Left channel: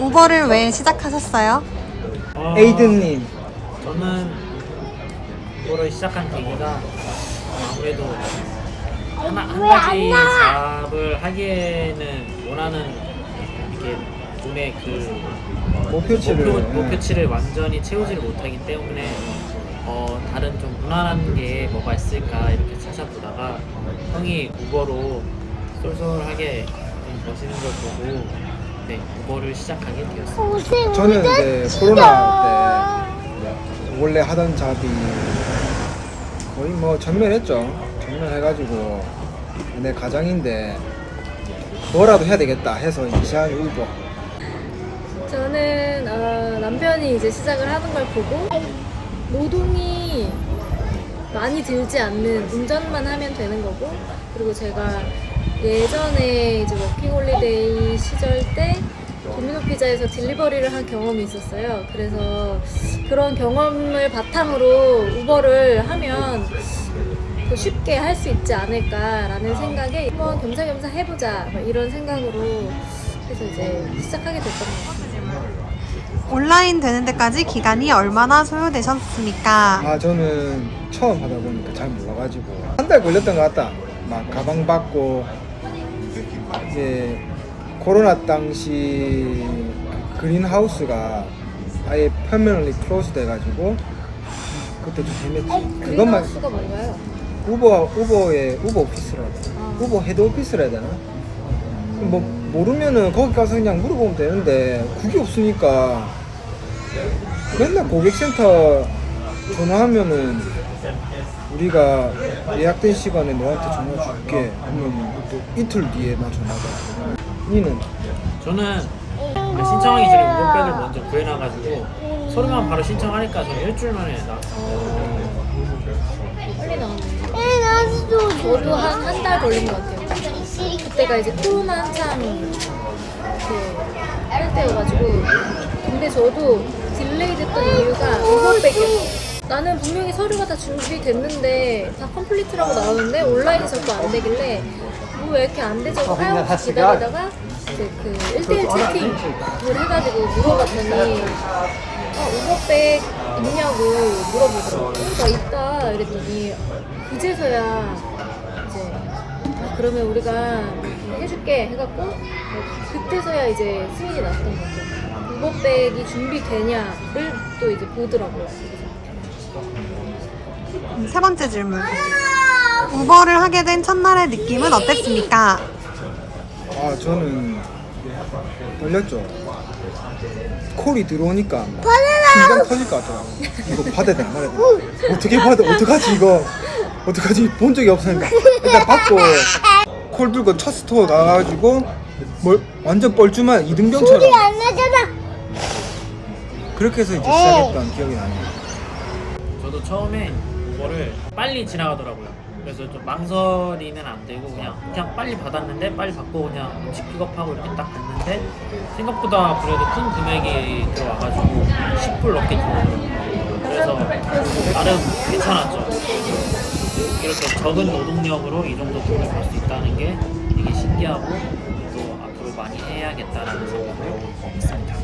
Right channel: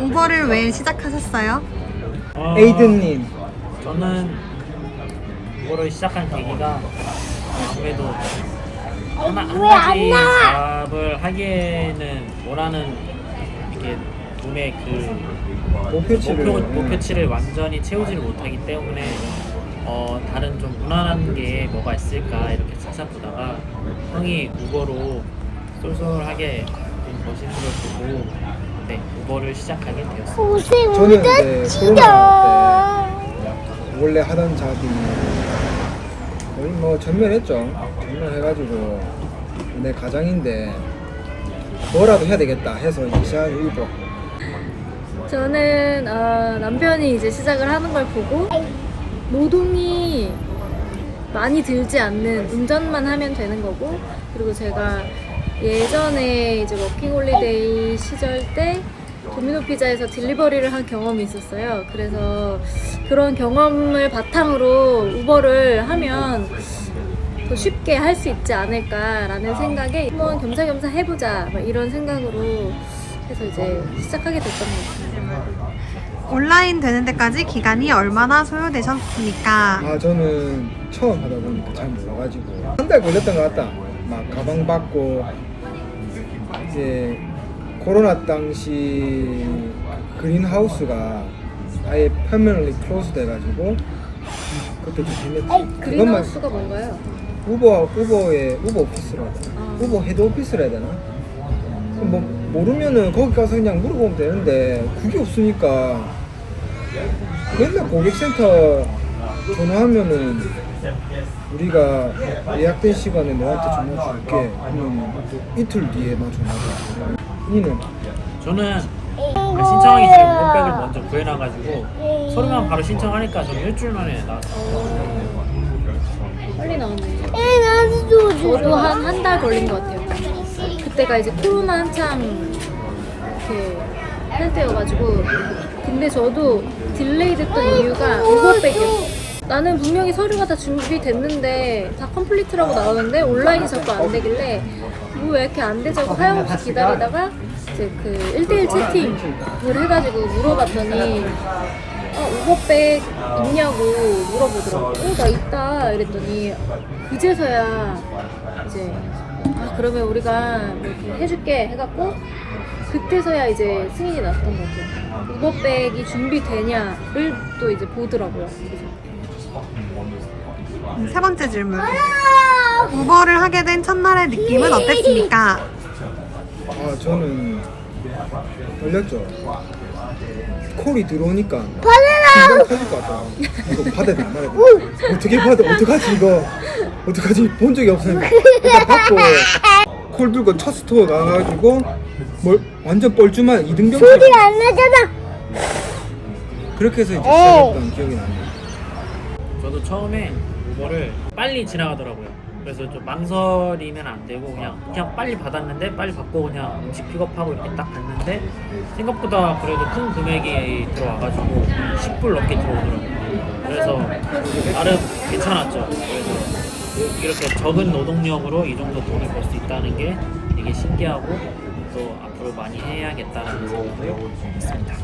우버를 왜 시작하셨어요? 어, 에이든님 저는 이거를 시작한 계기가 아무래도 하나 한 가지 잡을 하기에는 원하는 이렇게 돈의 그 목표치를 목표 목표치를 완전히 채우지를 못하기 때문에 어, 다른 좀 무난한 게 뭐가 있을까 이렇게 찾아보다가 형이 우버로 쏠쏠하게 돈 버시는 걸 보고 네 우버를 시작하게 되었습니다. 저는 이제 코로나 때 원래 하던 잡이 거의 뭐 전멸했죠. 전멸해가지고 내 가장인데 뭐라도 해야 되겠다 해서 이제 시작한 일보 저는 어, 남편이 이제 시작을 하는 걸 보고 노동이 많이 들지 않는 운전만 하면 되는 거고 그리고 제가 예전에 이제 워킹홀리데이 시절 때 도미노 피자에서 딜리버리를 한 경험이 있었어요. 그래서 그런 경험을 바탕으로 우버를 하면 더 쉽게 할 수 있지 않을까라는 생각에 한번 겸사겸사 해보자 막 이런 생각으로 해서 이제 시작하게 됐던 것 같습니다. 온라인 되는 데까지 기간이 얼마나 소요되셨습니까? 아 저는 처음 하다 보니까 잘 몰라가지고 한 달 걸렸던 것 같다 막 가방 받고 이제 코로나 당시 그 그린하우스가 아예 permanently close 돼가지고 그때 좀 힘들지 그것만 그린하우스가 뭔가요? 우버 우버의 우버 오피스라고 아. 우버 헤드 오피스라 해야 되나? 뭐 모르면은 거기 가서 그냥 물어보면 되는데 그게 없으니까 맨날 고객센터 전화하면은 우리가 예약된 시간에 너한테 전화 줄게 또 이틀 뒤에만 전화가 우리는 저는 신청하기 전에 우버백을 먼저 구해놔가지고 서류만 바로 신청하니까 저는 일주일 만에 나왔어요. 빨리 나왔네. 저도 한 한 달 걸린 것 같아요. 그때가 이제 코로나 한창 그할 때여가지고 근데 저도 딜레이 됐던 이유가 우버백이었어요. 나는 분명히 서류가 다 준비됐는데 다 컴플리트라고 나오는데 온라인이 자꾸 안 되길래 뭐 왜 이렇게 안 되지 하고 하염없이 기다리다가 이제 그 1대1 채팅을 해가지고 물어봤더니 아, 우버백 있냐고 물어보더라고. 어, 나 있다. 이랬더니 그제서야 이제 아 그러면 우리가 뭐 이렇게 해줄게 해갖고 그때서야 이제 승인이 났던 것 같아요. 우버백이 준비되냐를 또 이제 보더라고요. 음, 세 번째 질문. 우버를 하게 된 첫날의 느낌은 어땠습니까? 아 저는 떨렸죠. 콜이 들어오니까 심장 터질 것 같아 이거 받아야 돼 말아야 돼 어떻게 받아 어떡하지 이거? 어떡하지? 본 적이 없었는데 일단 받고 콜 들고 첫 스토어 나가가지고 뭐 완전 뻘쭘한 이등병처럼 안 나잖아. 그렇게 해서 이제 시작했던 기억이 나네요 저도 처음에 우버를 빨리 지나가더라고요. 그래서 좀 망설이면 안 되고 그냥 그냥 빨리 받았는데 빨리 받고 그냥 음식 픽업하고 이렇게 딱 갔는데 생각보다 그래도 큰 금액이 들어와가지고 10불 넘게 들어오더라고요. 그래서 나름 괜찮았죠. 그래서 이렇게 적은 노동력으로 이 정도 돈을 벌 수 있다는 게 되게 신기하고 또 앞으로 많이 해야겠다라는 생각을 했습니다.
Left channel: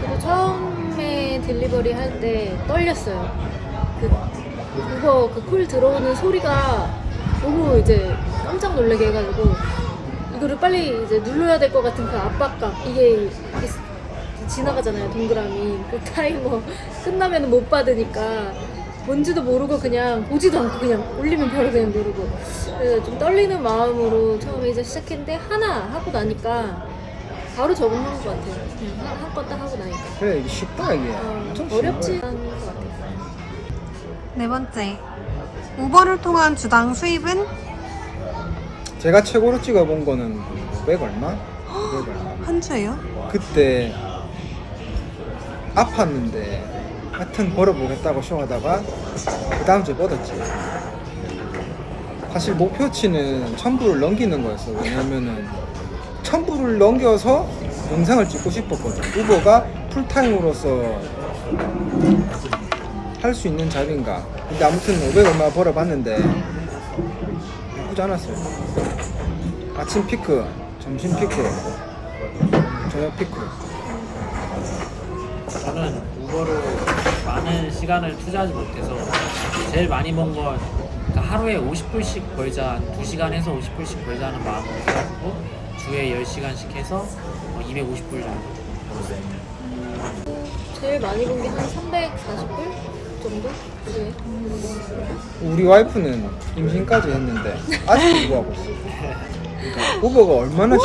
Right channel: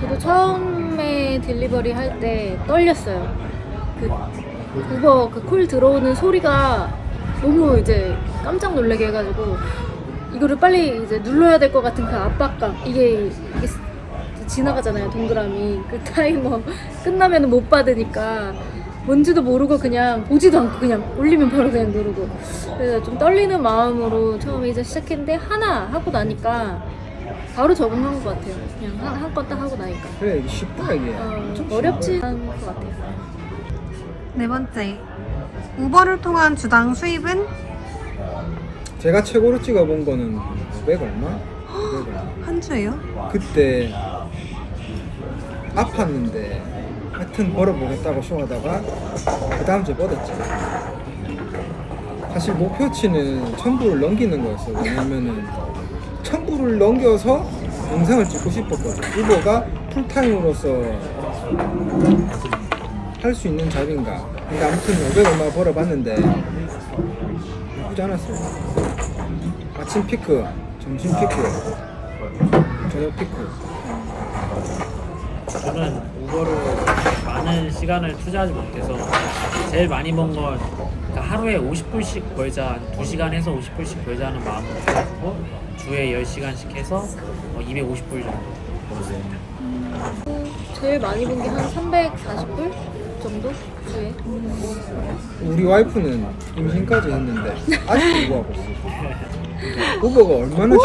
저도 처음에 딜리버리 할 때 떨렸어요. 그 우버 그콜 들어오는 소리가 너무 이제 깜짝 놀라게 해가지고 이거를 빨리 이제 눌러야 될 것 같은 그 압박감. 이게 지나가잖아요 동그라미. 그 타이머 끝나면 못 받으니까 뭔지도 모르고 그냥 보지도 않고 그냥 올리면 바로 그냥 누르고. 그래서 좀 떨리는 마음으로 처음에 이제 시작했는데 하나 하고 나니까 바로 적응한 것 같아요 그냥 한건 딱 하고 나니까 그래 이게 쉽다 이게 어, 엄청 어렵지 않은 것 같아요. 네 번째. 우버를 통한 주당 수입은 제가 최고로 찍어본 거는 500 얼마? 500 얼마 한 주예요? 그때 아팠는데 하여튼 벌어보겠다고 쇼하다가 그 다음 주에 뻗었지 사실 목표치는 1000불을 넘기는 거였어요 왜냐면은 1000불을 넘겨서 영상을 찍고 싶었거든 우버가 풀타임으로서 할 수 있는 잡인가. 근데 아무튼 500 얼마 벌어봤는데 나쁘지 않았어요. 아침 피크 점심 피크 저녁 피크. 저는 우버로 많은 시간을 투자하지 못해서 제일 많이 번건 그러니까 하루에 50불씩 벌자 한 2시간 해서 50불씩 벌자 하는 마음으로 해가지고 주에 10시간씩 해서 어, 250불 정도 벌었습니다. 제일 많이 본 게 한 340불 정도? 주에. 우리 와이프는 임신까지 했는데 아직도 우버하고 있어. 우버가 얼마나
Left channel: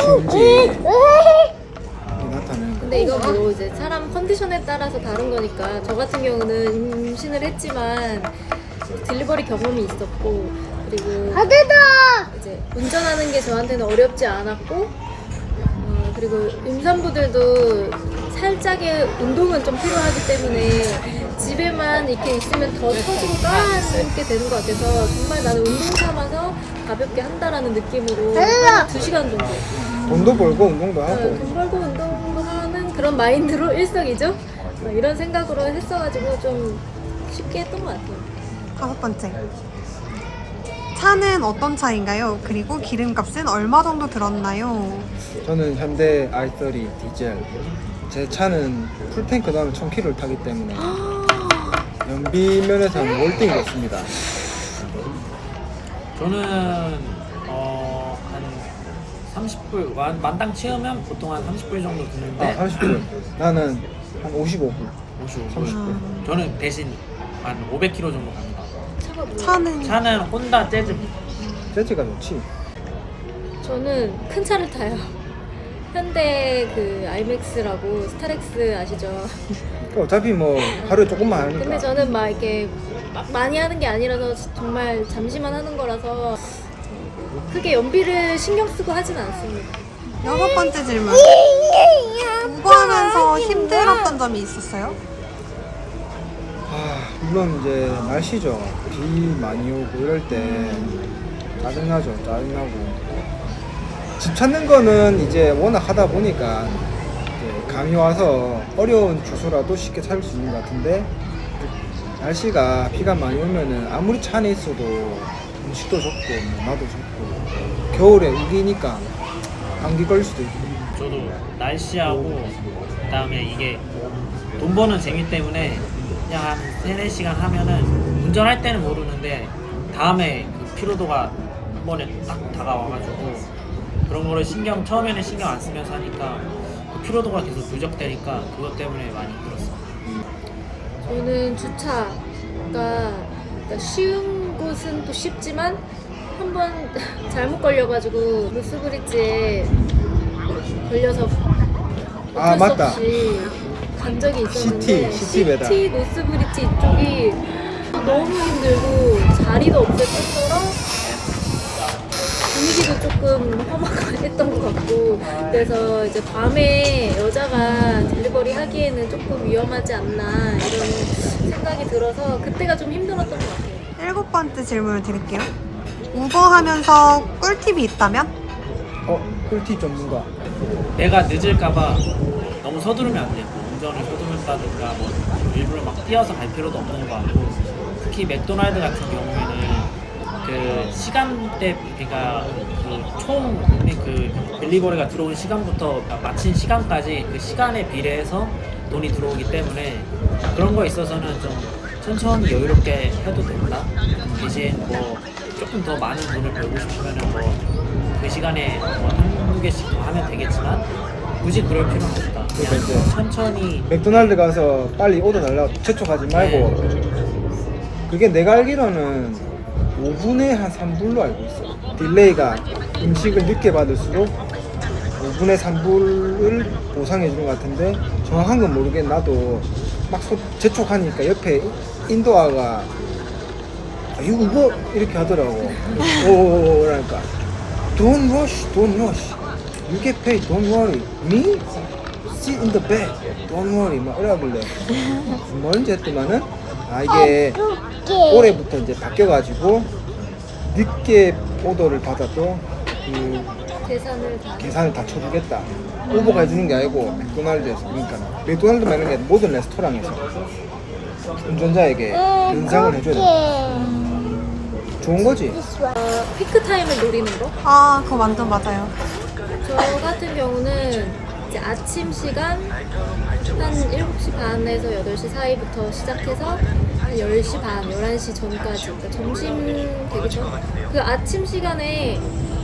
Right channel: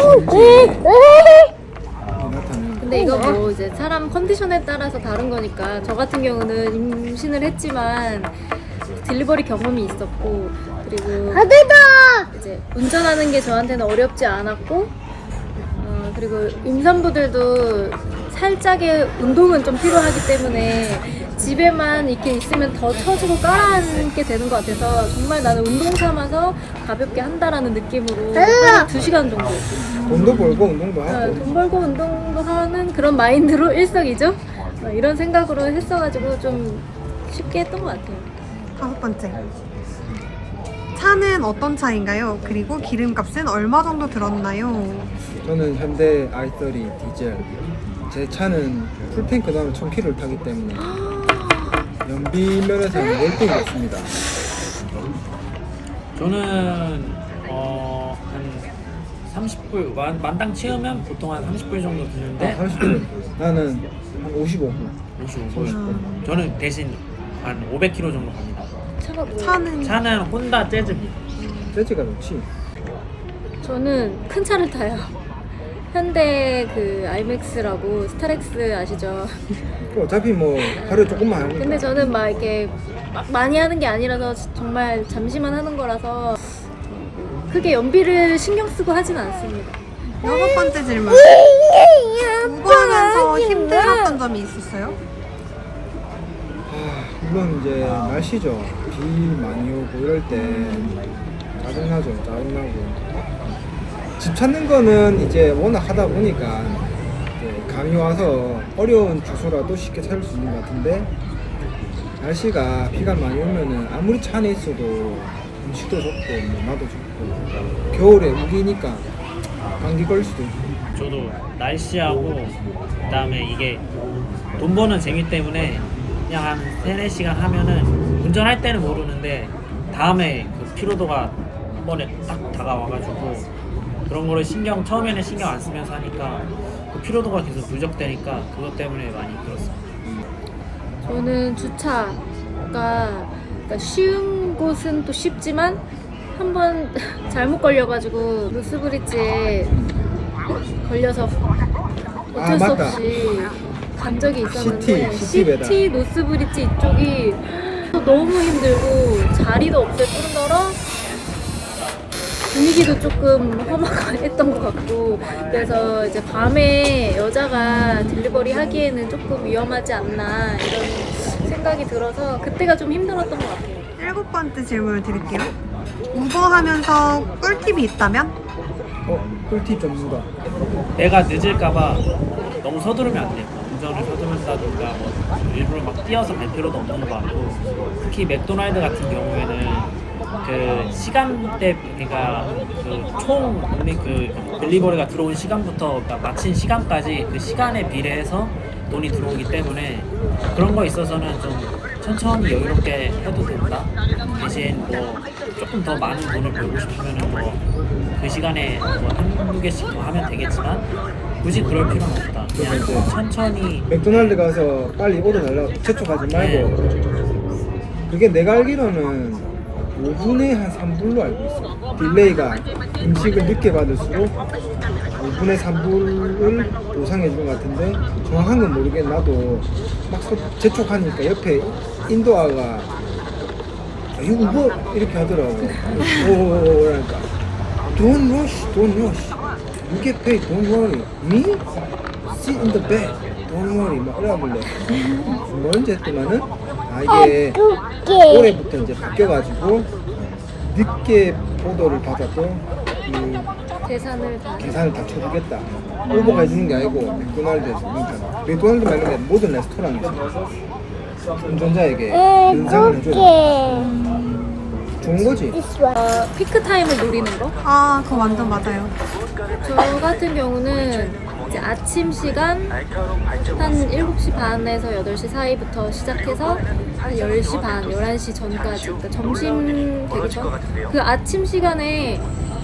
나타내는 근데 이거 뭐 이제 사람 컨디션에 따라서 다른 거니까 저 같은 경우는 임신을 했지만 딜리버리 경험이 있었고 그리고 이제 운전하는 게 저한테는 어렵지 않았고 어, 그리고 임산부들도 살짝의 운동은 좀 필요하기 때문에 집에만 이렇게 있으면 더 처지고 깔아앉게 되는 것 같아서 정말 나는 운동 삼아서 가볍게 한다라는 느낌으로 한 2시간 정도 돈도 벌고 운동도 네, 하고 돈 벌고 운동도 하는 그런 마인드로 일석이조 어, 이런 생각으로 했어가지고 좀 쉽게 했던 것 같아요. 다섯 번째. 차는 어떤 차인가요? 그리고 기름값은 얼마 정도 들었나요? 저는 현대 i30 디젤 제 차는 풀탱크 다음에 1000km를 타기 때문에 연비 면에서는 월등이었습니다 저는 어, 한 30불 만, 만당 채우면 보통 한 30불 정도 드는데 아, 30분 나는 한 55분 55불. 음. 저는 대신 한 500km 정도 갑니다. 차가 뭐? 차는 차는 혼다 재즈입니다. 재즈가 좋지 저는 큰 차를 타요. 현대 그 아이맥스라고 스타렉스 아시죠? 어차피 뭐 하루에 조금만 하니까 근데 저는 막 이렇게 막 많이 하는 게 아니라서 정말 잠시만 하는 거라서 크게 연비를 신경 쓰고 하진 않습니다. 여섯 번째 질문. 우버하면서 힘들었던 점이 있었어요? 아, 물론 이제 날씨죠. 비 많이 오고 이럴 때 짜증나죠. 짜증나고. 집 찾는 거는 이제 워낙 하다 보니까 감이 와서 어려운 주소라도 쉽게 찾을 수 있는 것 같은데 날씨가 비가 많이 오면은 아무리 차 안에 있어도 음식도 좋고 뭐 나도 좋고 겨울에 우기니까 감기 걸릴 수도 있고. 저도 날씨하고 그다음에 이게 돈 버는 재미 때문에 그냥 한 3, 4시간 하면은 운전할 때는 모르는데 다음에 그 피로도가 한 번에 딱 다가와가지고 그런 거를 신경 처음에는 신경 안 쓰면서 하니까 그 피로도가 계속 누적되니까 그것 때문에 많이 힘들었어요. 저는 주차가 그러니까 쉬운 곳은 또 쉽지만 한 번 잘못 걸려가지고 루스브리지에 걸려서 어쩔 아, 수 맞다. 없이 간 적이 있었는데 시티, 시티. 시티 노스브리지 이쪽이 너무 힘들고 자리도 없을 뿐더러 분위기도 조금 험악했던 것 같고 그래서 이제 밤에 여자가 딜리버리 하기에는 조금 위험하지 않나 이런 생각이 들어서 그때가 좀 힘들었던 것 같아요. 일곱 번째 질문을 드릴게요. 우버 하면서 꿀팁이 있다면? 어? 꿀팁 전문가 내가 늦을까봐 너무 서두르면 안 돼요. 뭐 운전을 서두른다든가 뭐 일부러 막 뛰어서 갈 필요도 없는 것 같고 특히 맥도날드 같은 경우에는 그 시간대 그러니까 그총 그 딜리버리가 들어온 시간부터 마친 시간까지 그 시간에 비례해서 돈이 들어오기 때문에 그런 거에 있어서는 좀 천천히 여유롭게 해도 된다. 대신 뭐 조금 더 많은 돈을 벌고 싶으면은 뭐 그 시간에 뭐 한두 개씩 더 하면 되겠지만 굳이 그럴 필요는 없다. 그냥 천천히 맥도날드 가서 빨리 오더 달라고 재촉하지 말고 그게 내가 알기로는 5분에 한 3불로 알고 있어 딜레이가 음식을 늦게 받을수록 5분에 3불을 보상해 주는 것 같은데 정확한 건 모르겠는데 나도 막 소- 재촉하니까 옆에 인도아가 아, 이거 이거 이렇게 하더라고 오오오 그러니까 Don't rush, don't rush You get paid, don't worry. Me? Sit in the back Don't worry. 막 이러길래. 뭔지 했더니는 아 이게 올해부터 이제 바뀌어가지고 늦게 오더를 받아도 그 계산을 다 계산을 다 쳐주겠다. 오버가 해주는 게 아니고 맥도날드에서 그러니까 맥도날드만 아니라 모든 레스토랑에서 운전자에게 인상을 해줘야 돼 좋은 거지? 어, 피크 타임을 노리는 거. 아, 그거 완전 맞아요. 저 같은 경우는 이제 아침 시간 한 7시 반에서 8시 사이부터 시작해서 한 10시 반, 11시 전까지 그러니까 점심 전그 아침 시간에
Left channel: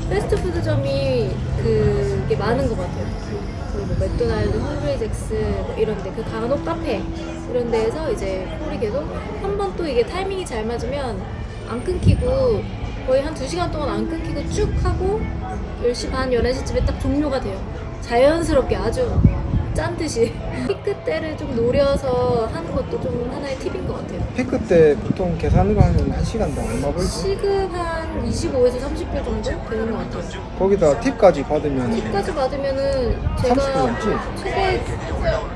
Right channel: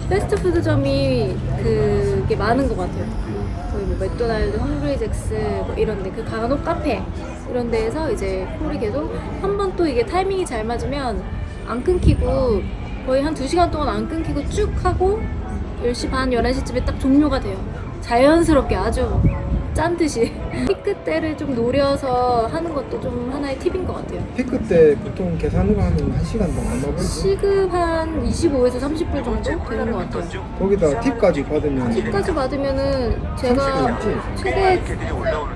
패스트푸드점이 그게 많은 것 같아요. 그뭐 맥도날드, 헝그리잭스 뭐 이런데 그 간혹 카페 이런 데에서 이제 콜이 계속 한 번 또 이게 타이밍이 잘 맞으면 안 끊기고 거의 한 2시간 동안 안 끊기고 쭉 하고 10시 반, 11시쯤에 딱 종료가 돼요. 자연스럽게 아주 짠 듯이 피크 때를 좀 노려서 하는 것도 좀 하나의 팁인 것 같아요. 피크 때 보통 계산으로 하면 한 시간 더 얼마 벌지? 시급 한 25에서 30불 정도 되는 것 같아요. 거기다 팁까지 받으면 팁까지 받으면은 30불 제가? 최대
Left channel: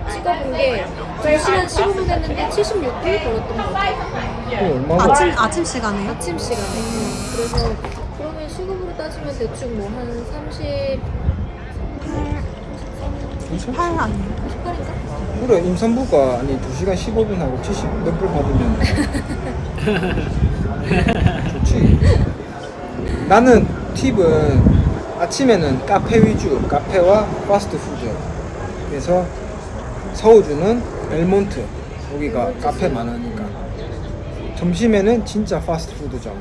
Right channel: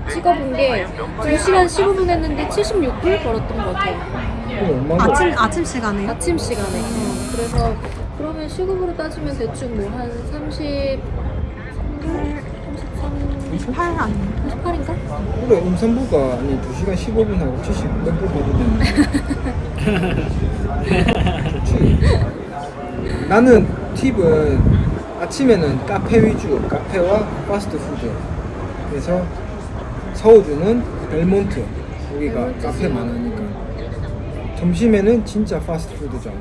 찍어본 게 2시간 15분 했는데 76불 벌었던 것 같아요. 얼마 아침 아침 시간에요? 아침 시간에. 음, 그래서 시급으로 따지면 대충 뭐 한 30, 33, 8 아니에요? 38인가? 그래 임산부가 아니 2시간 15분 하고 70몇불 받으면 좋지 나는 팁은 아침에는 카페 위주 카페와 파스트푸드 그래서 서울주는 벨몬트 여기가. 카페 많으니까 점심에는 진짜 파스트푸드점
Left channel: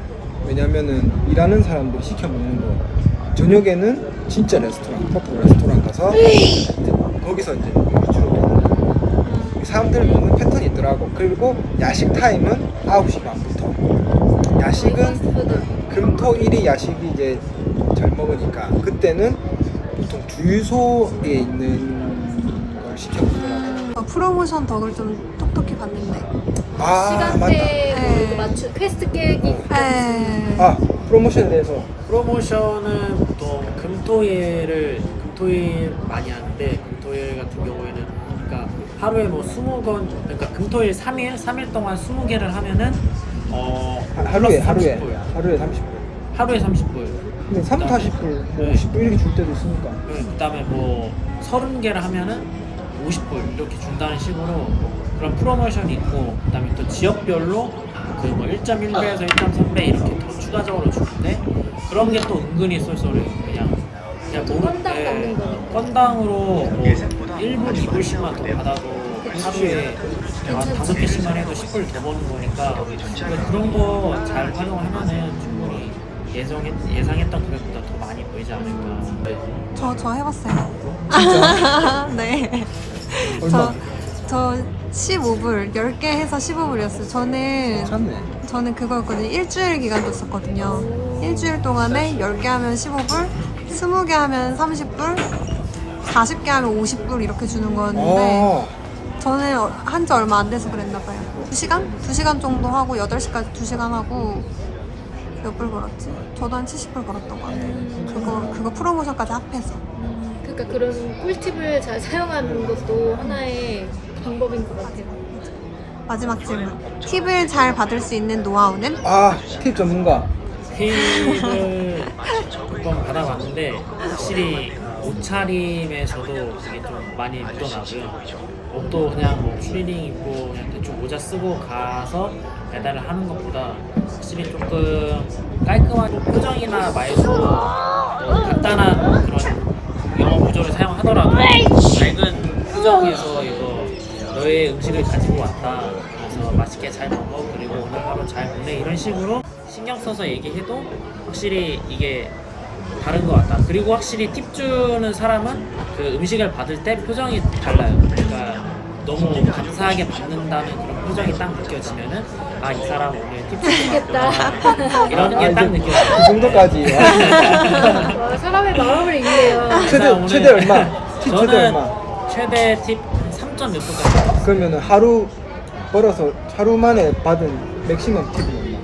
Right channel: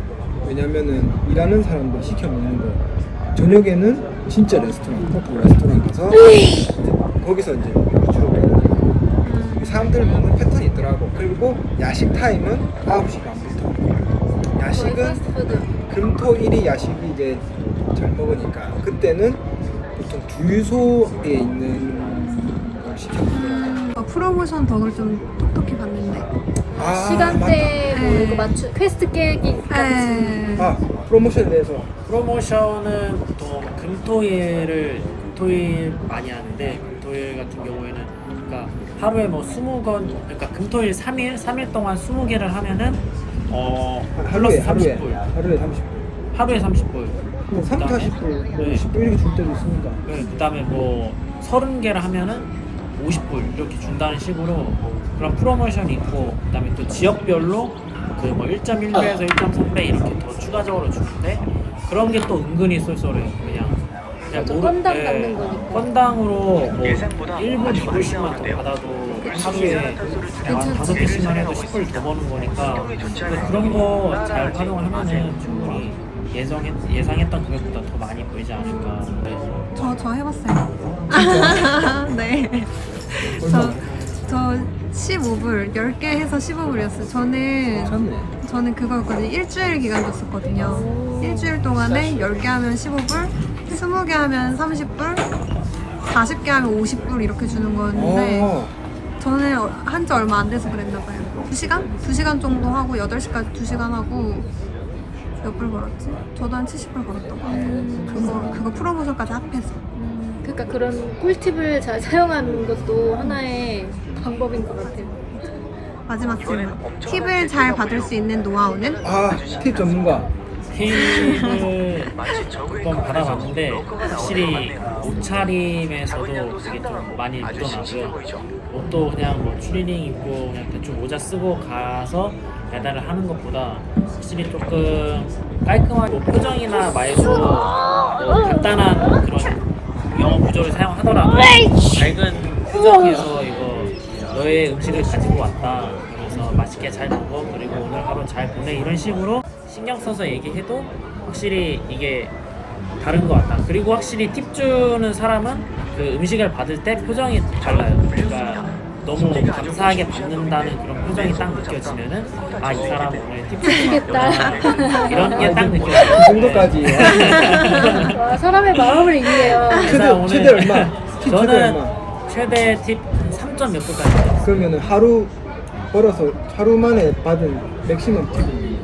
왜냐면은 일하는 사람들 시켜 먹는 거 저녁에는 진짜 레스토랑 토프 레스토랑 가서 거기서 이제 주로 먹는 거. 사람들 먹는 패턴이 있더라고 그리고 야식 타임은 9시 반부터 야식은 패스트푸드. 금토 일이 야식이 이제 잘 먹으니까 그때는 보통 주유소에 있는 걸 시켜 먹더라고 어, 프로모션 덕을 좀 톡톡히 봤는데. 아, 시간대 네. 뭐 맞추 퀘스트 깨기 에. 아 프로모션에 대해서. 프로모션은 보통 금토일을 금토일 많이 하는데 금토일 같은 경우에는 그러니까 하루에 뭐 20건 그러니까 금토일 3일 3일 동안 20개를 하면은 어 플러스 하루에 하루에. 30불. 하루에 30불. 하루에 30불. 뭐 3, 그다음에 40불 뭐 네. 10불 줄 때도 있으니까. 네, 그다음에 뭐 30개를 하면은 50불 이렇게 준다는 식으로 뭐 그런 프로모션이 있고 그다음에 또 지역별로 그 뭐 1.1배에서 1.3배 이렇게 더 추가적으로 주는데 그런 게 또 은근히 쏠쏠해요. 그냥 그냥 모르 건당 예, 받는 거니까. 건당으로 뭐 1불, 2불씩만 더 받아도 하루에 한 다섯 개씩만 해도 10불 더 버는 거니까 그러니까 그런 거 잘 활용하면은 충분히 예상했, 예상했던 금액보다 더 많이 보이지 않을까. 네. 저, 저 해봤어요. 네. 저, 저 15불, 10개 해서 15불이었어요. 저는, 괜찮네 저는 그거였거든요. 일주일 기간 줬었거든요. 일주일 동안에 10개 하면 15불, 20개 하면 30불, 40개 하면 50불 이렇게 주는 거였는데, 어, 저는 한 지 얼마 안 돼서 그랬나 봐요. 2시간? 2시간 정도 하고 8시까지 2시간 하고 몇 불 벌었지? 저도 한 70불 벌었던 것 같아요. 그거 그거 프로모션까지 합해서. 음, 그러니까 그런 꿀팁을 잘 사용하는 것도 하나의 방법인 것 같아요. 마지막 질문. 팁을 잘 받을 수 있는 노하우는? 아 팁 전문가 팁을 몇번 받아봤는데 확실히 옷차림에서도 그게 좀 많이 묻어나고요. 옷도 그냥 뭐 추리닝 입고 그냥 대충 모자 쓰고 가서 배달을 하는 것보다 확실히 조금 깔끔한 표정이나 말도 뭐 간단한 그런 영어 구조를 사용하더라도 밝은 표정에서 이거 너의 음식을 가지고 왔다. 그러면서 맛있게 잘 먹어. 그리고 오늘 하루 잘 보내. 이런 식으로 신경 써서 얘기해도 확실히 이게 다른 것 같다. 그리고 확실히 팁 주는 사람은 그 음식을 받을 때 표정이 달라요. 그러니까 너무 감사하게 받는다는 그런 표정이 딱 느껴지면은 아 이 사람 오늘 팁 주고 왔구나. 이런 게 딱 느껴져요. 그 정도까지. 와, 사람의 마음을 읽네요. 최대 그래서 오늘 최대 얼마? 저는? 최대 팁 3점 몇 불까지 그러면은 하루 벌어서 하루 만에 받은 맥시멈 팁이?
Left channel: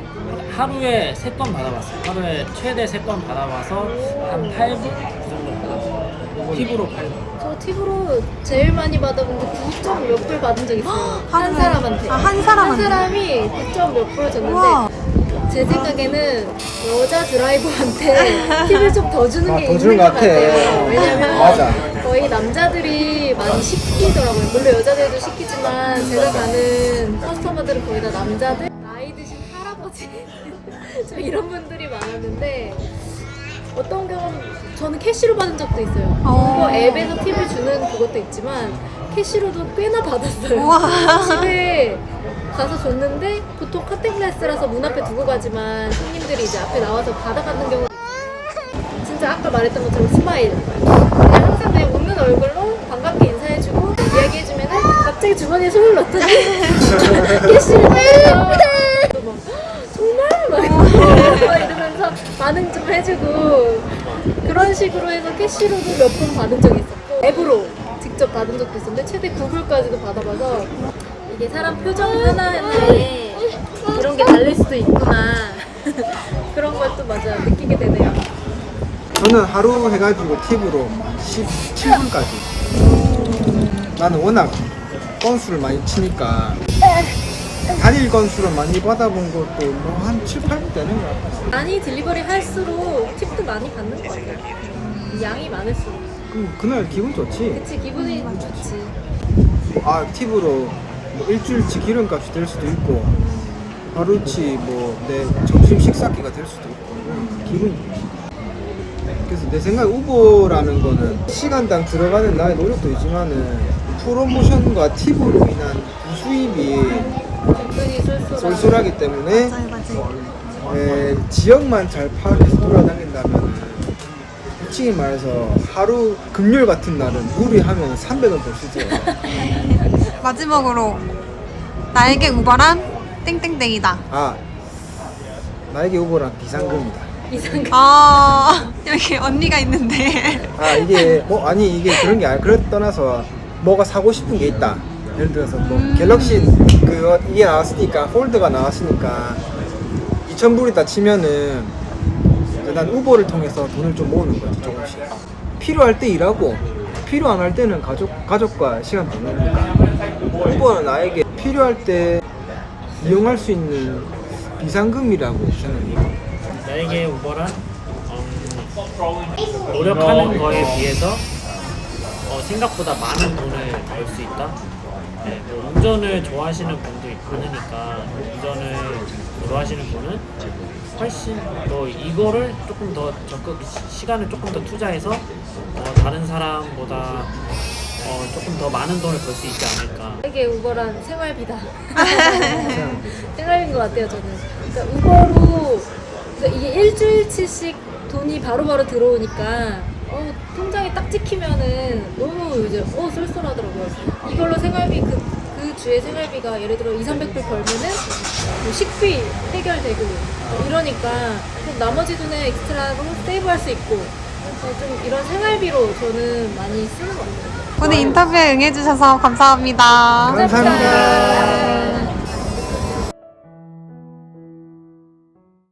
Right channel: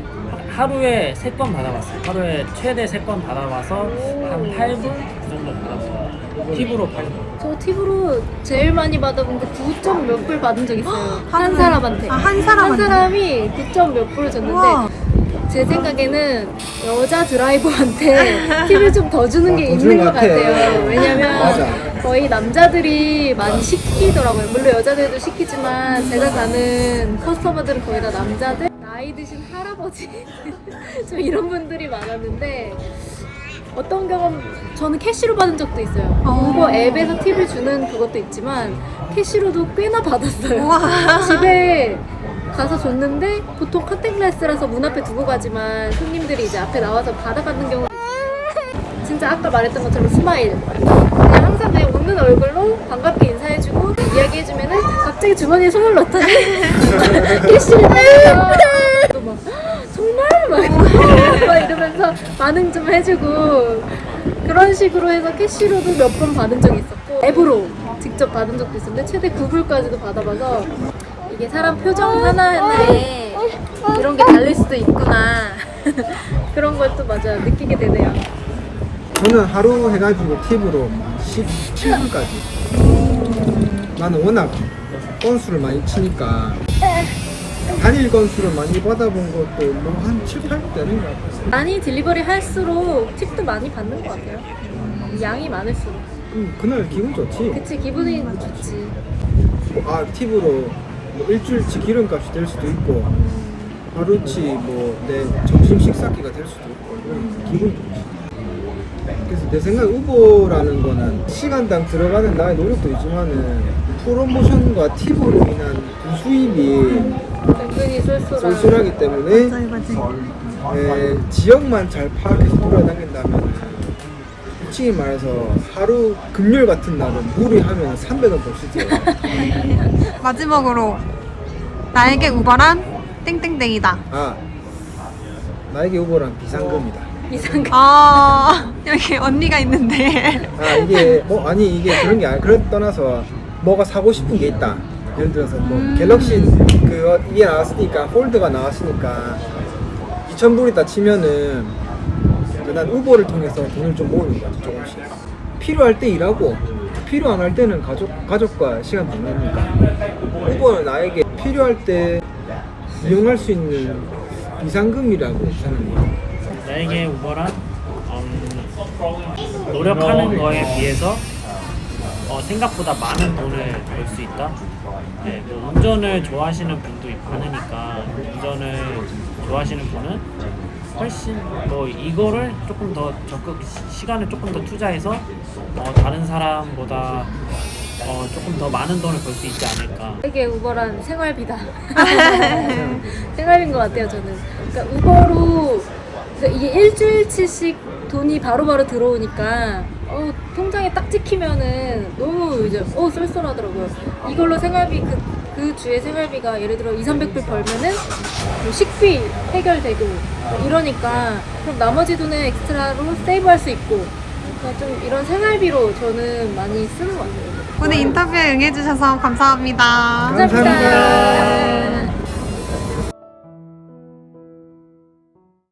하루에 3건 받아봤어요. 하루에 최대 3건 받아봐서 한 8불 그 정도 받았어요. 팁으로 8불. 저 팁으로 제일 많이 받아본 게 9점 몇 불 받은 적 있어요. 한 하루에? 사람한테. 아, 한 사람한테? 사람이 9점 몇 불 우와. 줬는데 제 생각에는 여자 드라이버한테 팁을 좀 더 주는 아, 게 더 있는 주는 것 것 같아. 같아요. 왜냐면 맞아. 거의 남자들이 많이 시키더라고요. 물론 여자들도 시키지만 제가 가는 커스터머들은 거의 다 남자들 나이 드신 할아버지 좀 이런 분들이 많았는데 어떤 경우는 저는 캐시로 받은 적도 있어요. 어. 우버 앱에서 팁을 주는 그것도 있지만 캐시로도 꽤나 받았어요. 우와. 집에 가서 줬는데 보통 커튼글라스라서 문 앞에 두고 가지만 손님들이 이제 앞에 나와서 받아가는 경우도 있어요. 진짜 아까 말했던 것처럼 스마일. 얼굴로 반갑게 인사해주고 이야기해주면은 갑자기 주머니에 손을 넣더니 캐시를 빼서 정말 막 이러면서 반응 좀 해주고 그런 식으로 해서 캐시로도 몇 번 받은 적이 있었고 앱으로 직접 받은 적도 있었는데 최대 9불까지도 받아봐서 이게 사람 표정 하나에 이런 게 달릴 수도 있구나. 그런 걸 또 맞아 느끼게 되네요 저는 하루 해가지고 팁으로 17분까지. 나는 워낙 건수를 많이 치니까 단일 건수를 많이 받아본 것도 뭐한 7, 8 되는 것 같아요. 많이 딜리버리 할수록 팁도 많이 받는 것 같아요 양이 많을수록 그럼 그날 기분 좋지. 그치 기분이 좋지 아 팁으로 뭐 일주일치 기름값이 될 수도 있고 하루치 뭐 내 점심 식사기가 될 수도 있고 기분 좋지. 그래서 내 생각에 우버라는 거는 시간당 들어가는 나의 노력도 있지만은 프로모션과 팁으로 인한 은근히 쏠쏠한 쏠쏠하기 때문에 맞아요, 맞아요. 에, 지역만 잘 파악해서 돌아다닌다면 솔직히 말해서 하루 금요일 같은 날은 무리하면 300원 벌수 있어요. 마지막으로 나에게 우버란 땡땡땡이다. 아 나에게 우버란 비상금이다. 이상 아 여기 언니가 있는데 아 이게 뭐 아니 이게 그런 게 아니 그래 떠나서 뭐가 사고 싶은 게 있다. 예를 들어서 뭐 음. 갤럭시 그 이게 나왔으니까 폴드가 나왔으니까 2,000불이다 치면은 난 우버를 통해서 돈을 좀 모으는 거지 조금씩. 필요할 때 일하고 필요 안 할 때는 가족 가족과 시간 보내니까 우버는 나에게 필요할 때 이용할 수 있는 비상금이라고 생각해요. 나에게 우버란 음, 노력하는 거에 비해서 어, 생각보다 많은 돈을 벌 수 있다. 네, 뭐 운전을 좋아하시는 분도 많으니까 운전을 좋아하시는 분은 훨씬 뭐 이거를 조금 더 적극 시- 시간을 조금 더 투자해서 어, 다른 사람보다 어, 조금 더 많은 돈을 벌 수 있지 않을까. 이게 우버란 생활비다. 생활비인 것 같아요, 저는. 그러니까 우버로 그러니까 이게 일주일치씩 돈이 바로바로 들어오니까 어, 통장에 딱 찍히면은 너무 이제 어 쏠쏠하더라고요. 이걸로 생활비 그, 그 주의 생활비가 예를 들어 2, 300불 벌면은 뭐 식비 해결되고 뭐 이러니까 그럼 나머지 돈에 엑스트라로 세이브할 수 있고 어, 좀 이런 생활비로 저는 많이 쓰는 것 같아요. 오늘 인터뷰에 응해주셔서 감사합니다. 감사합니다.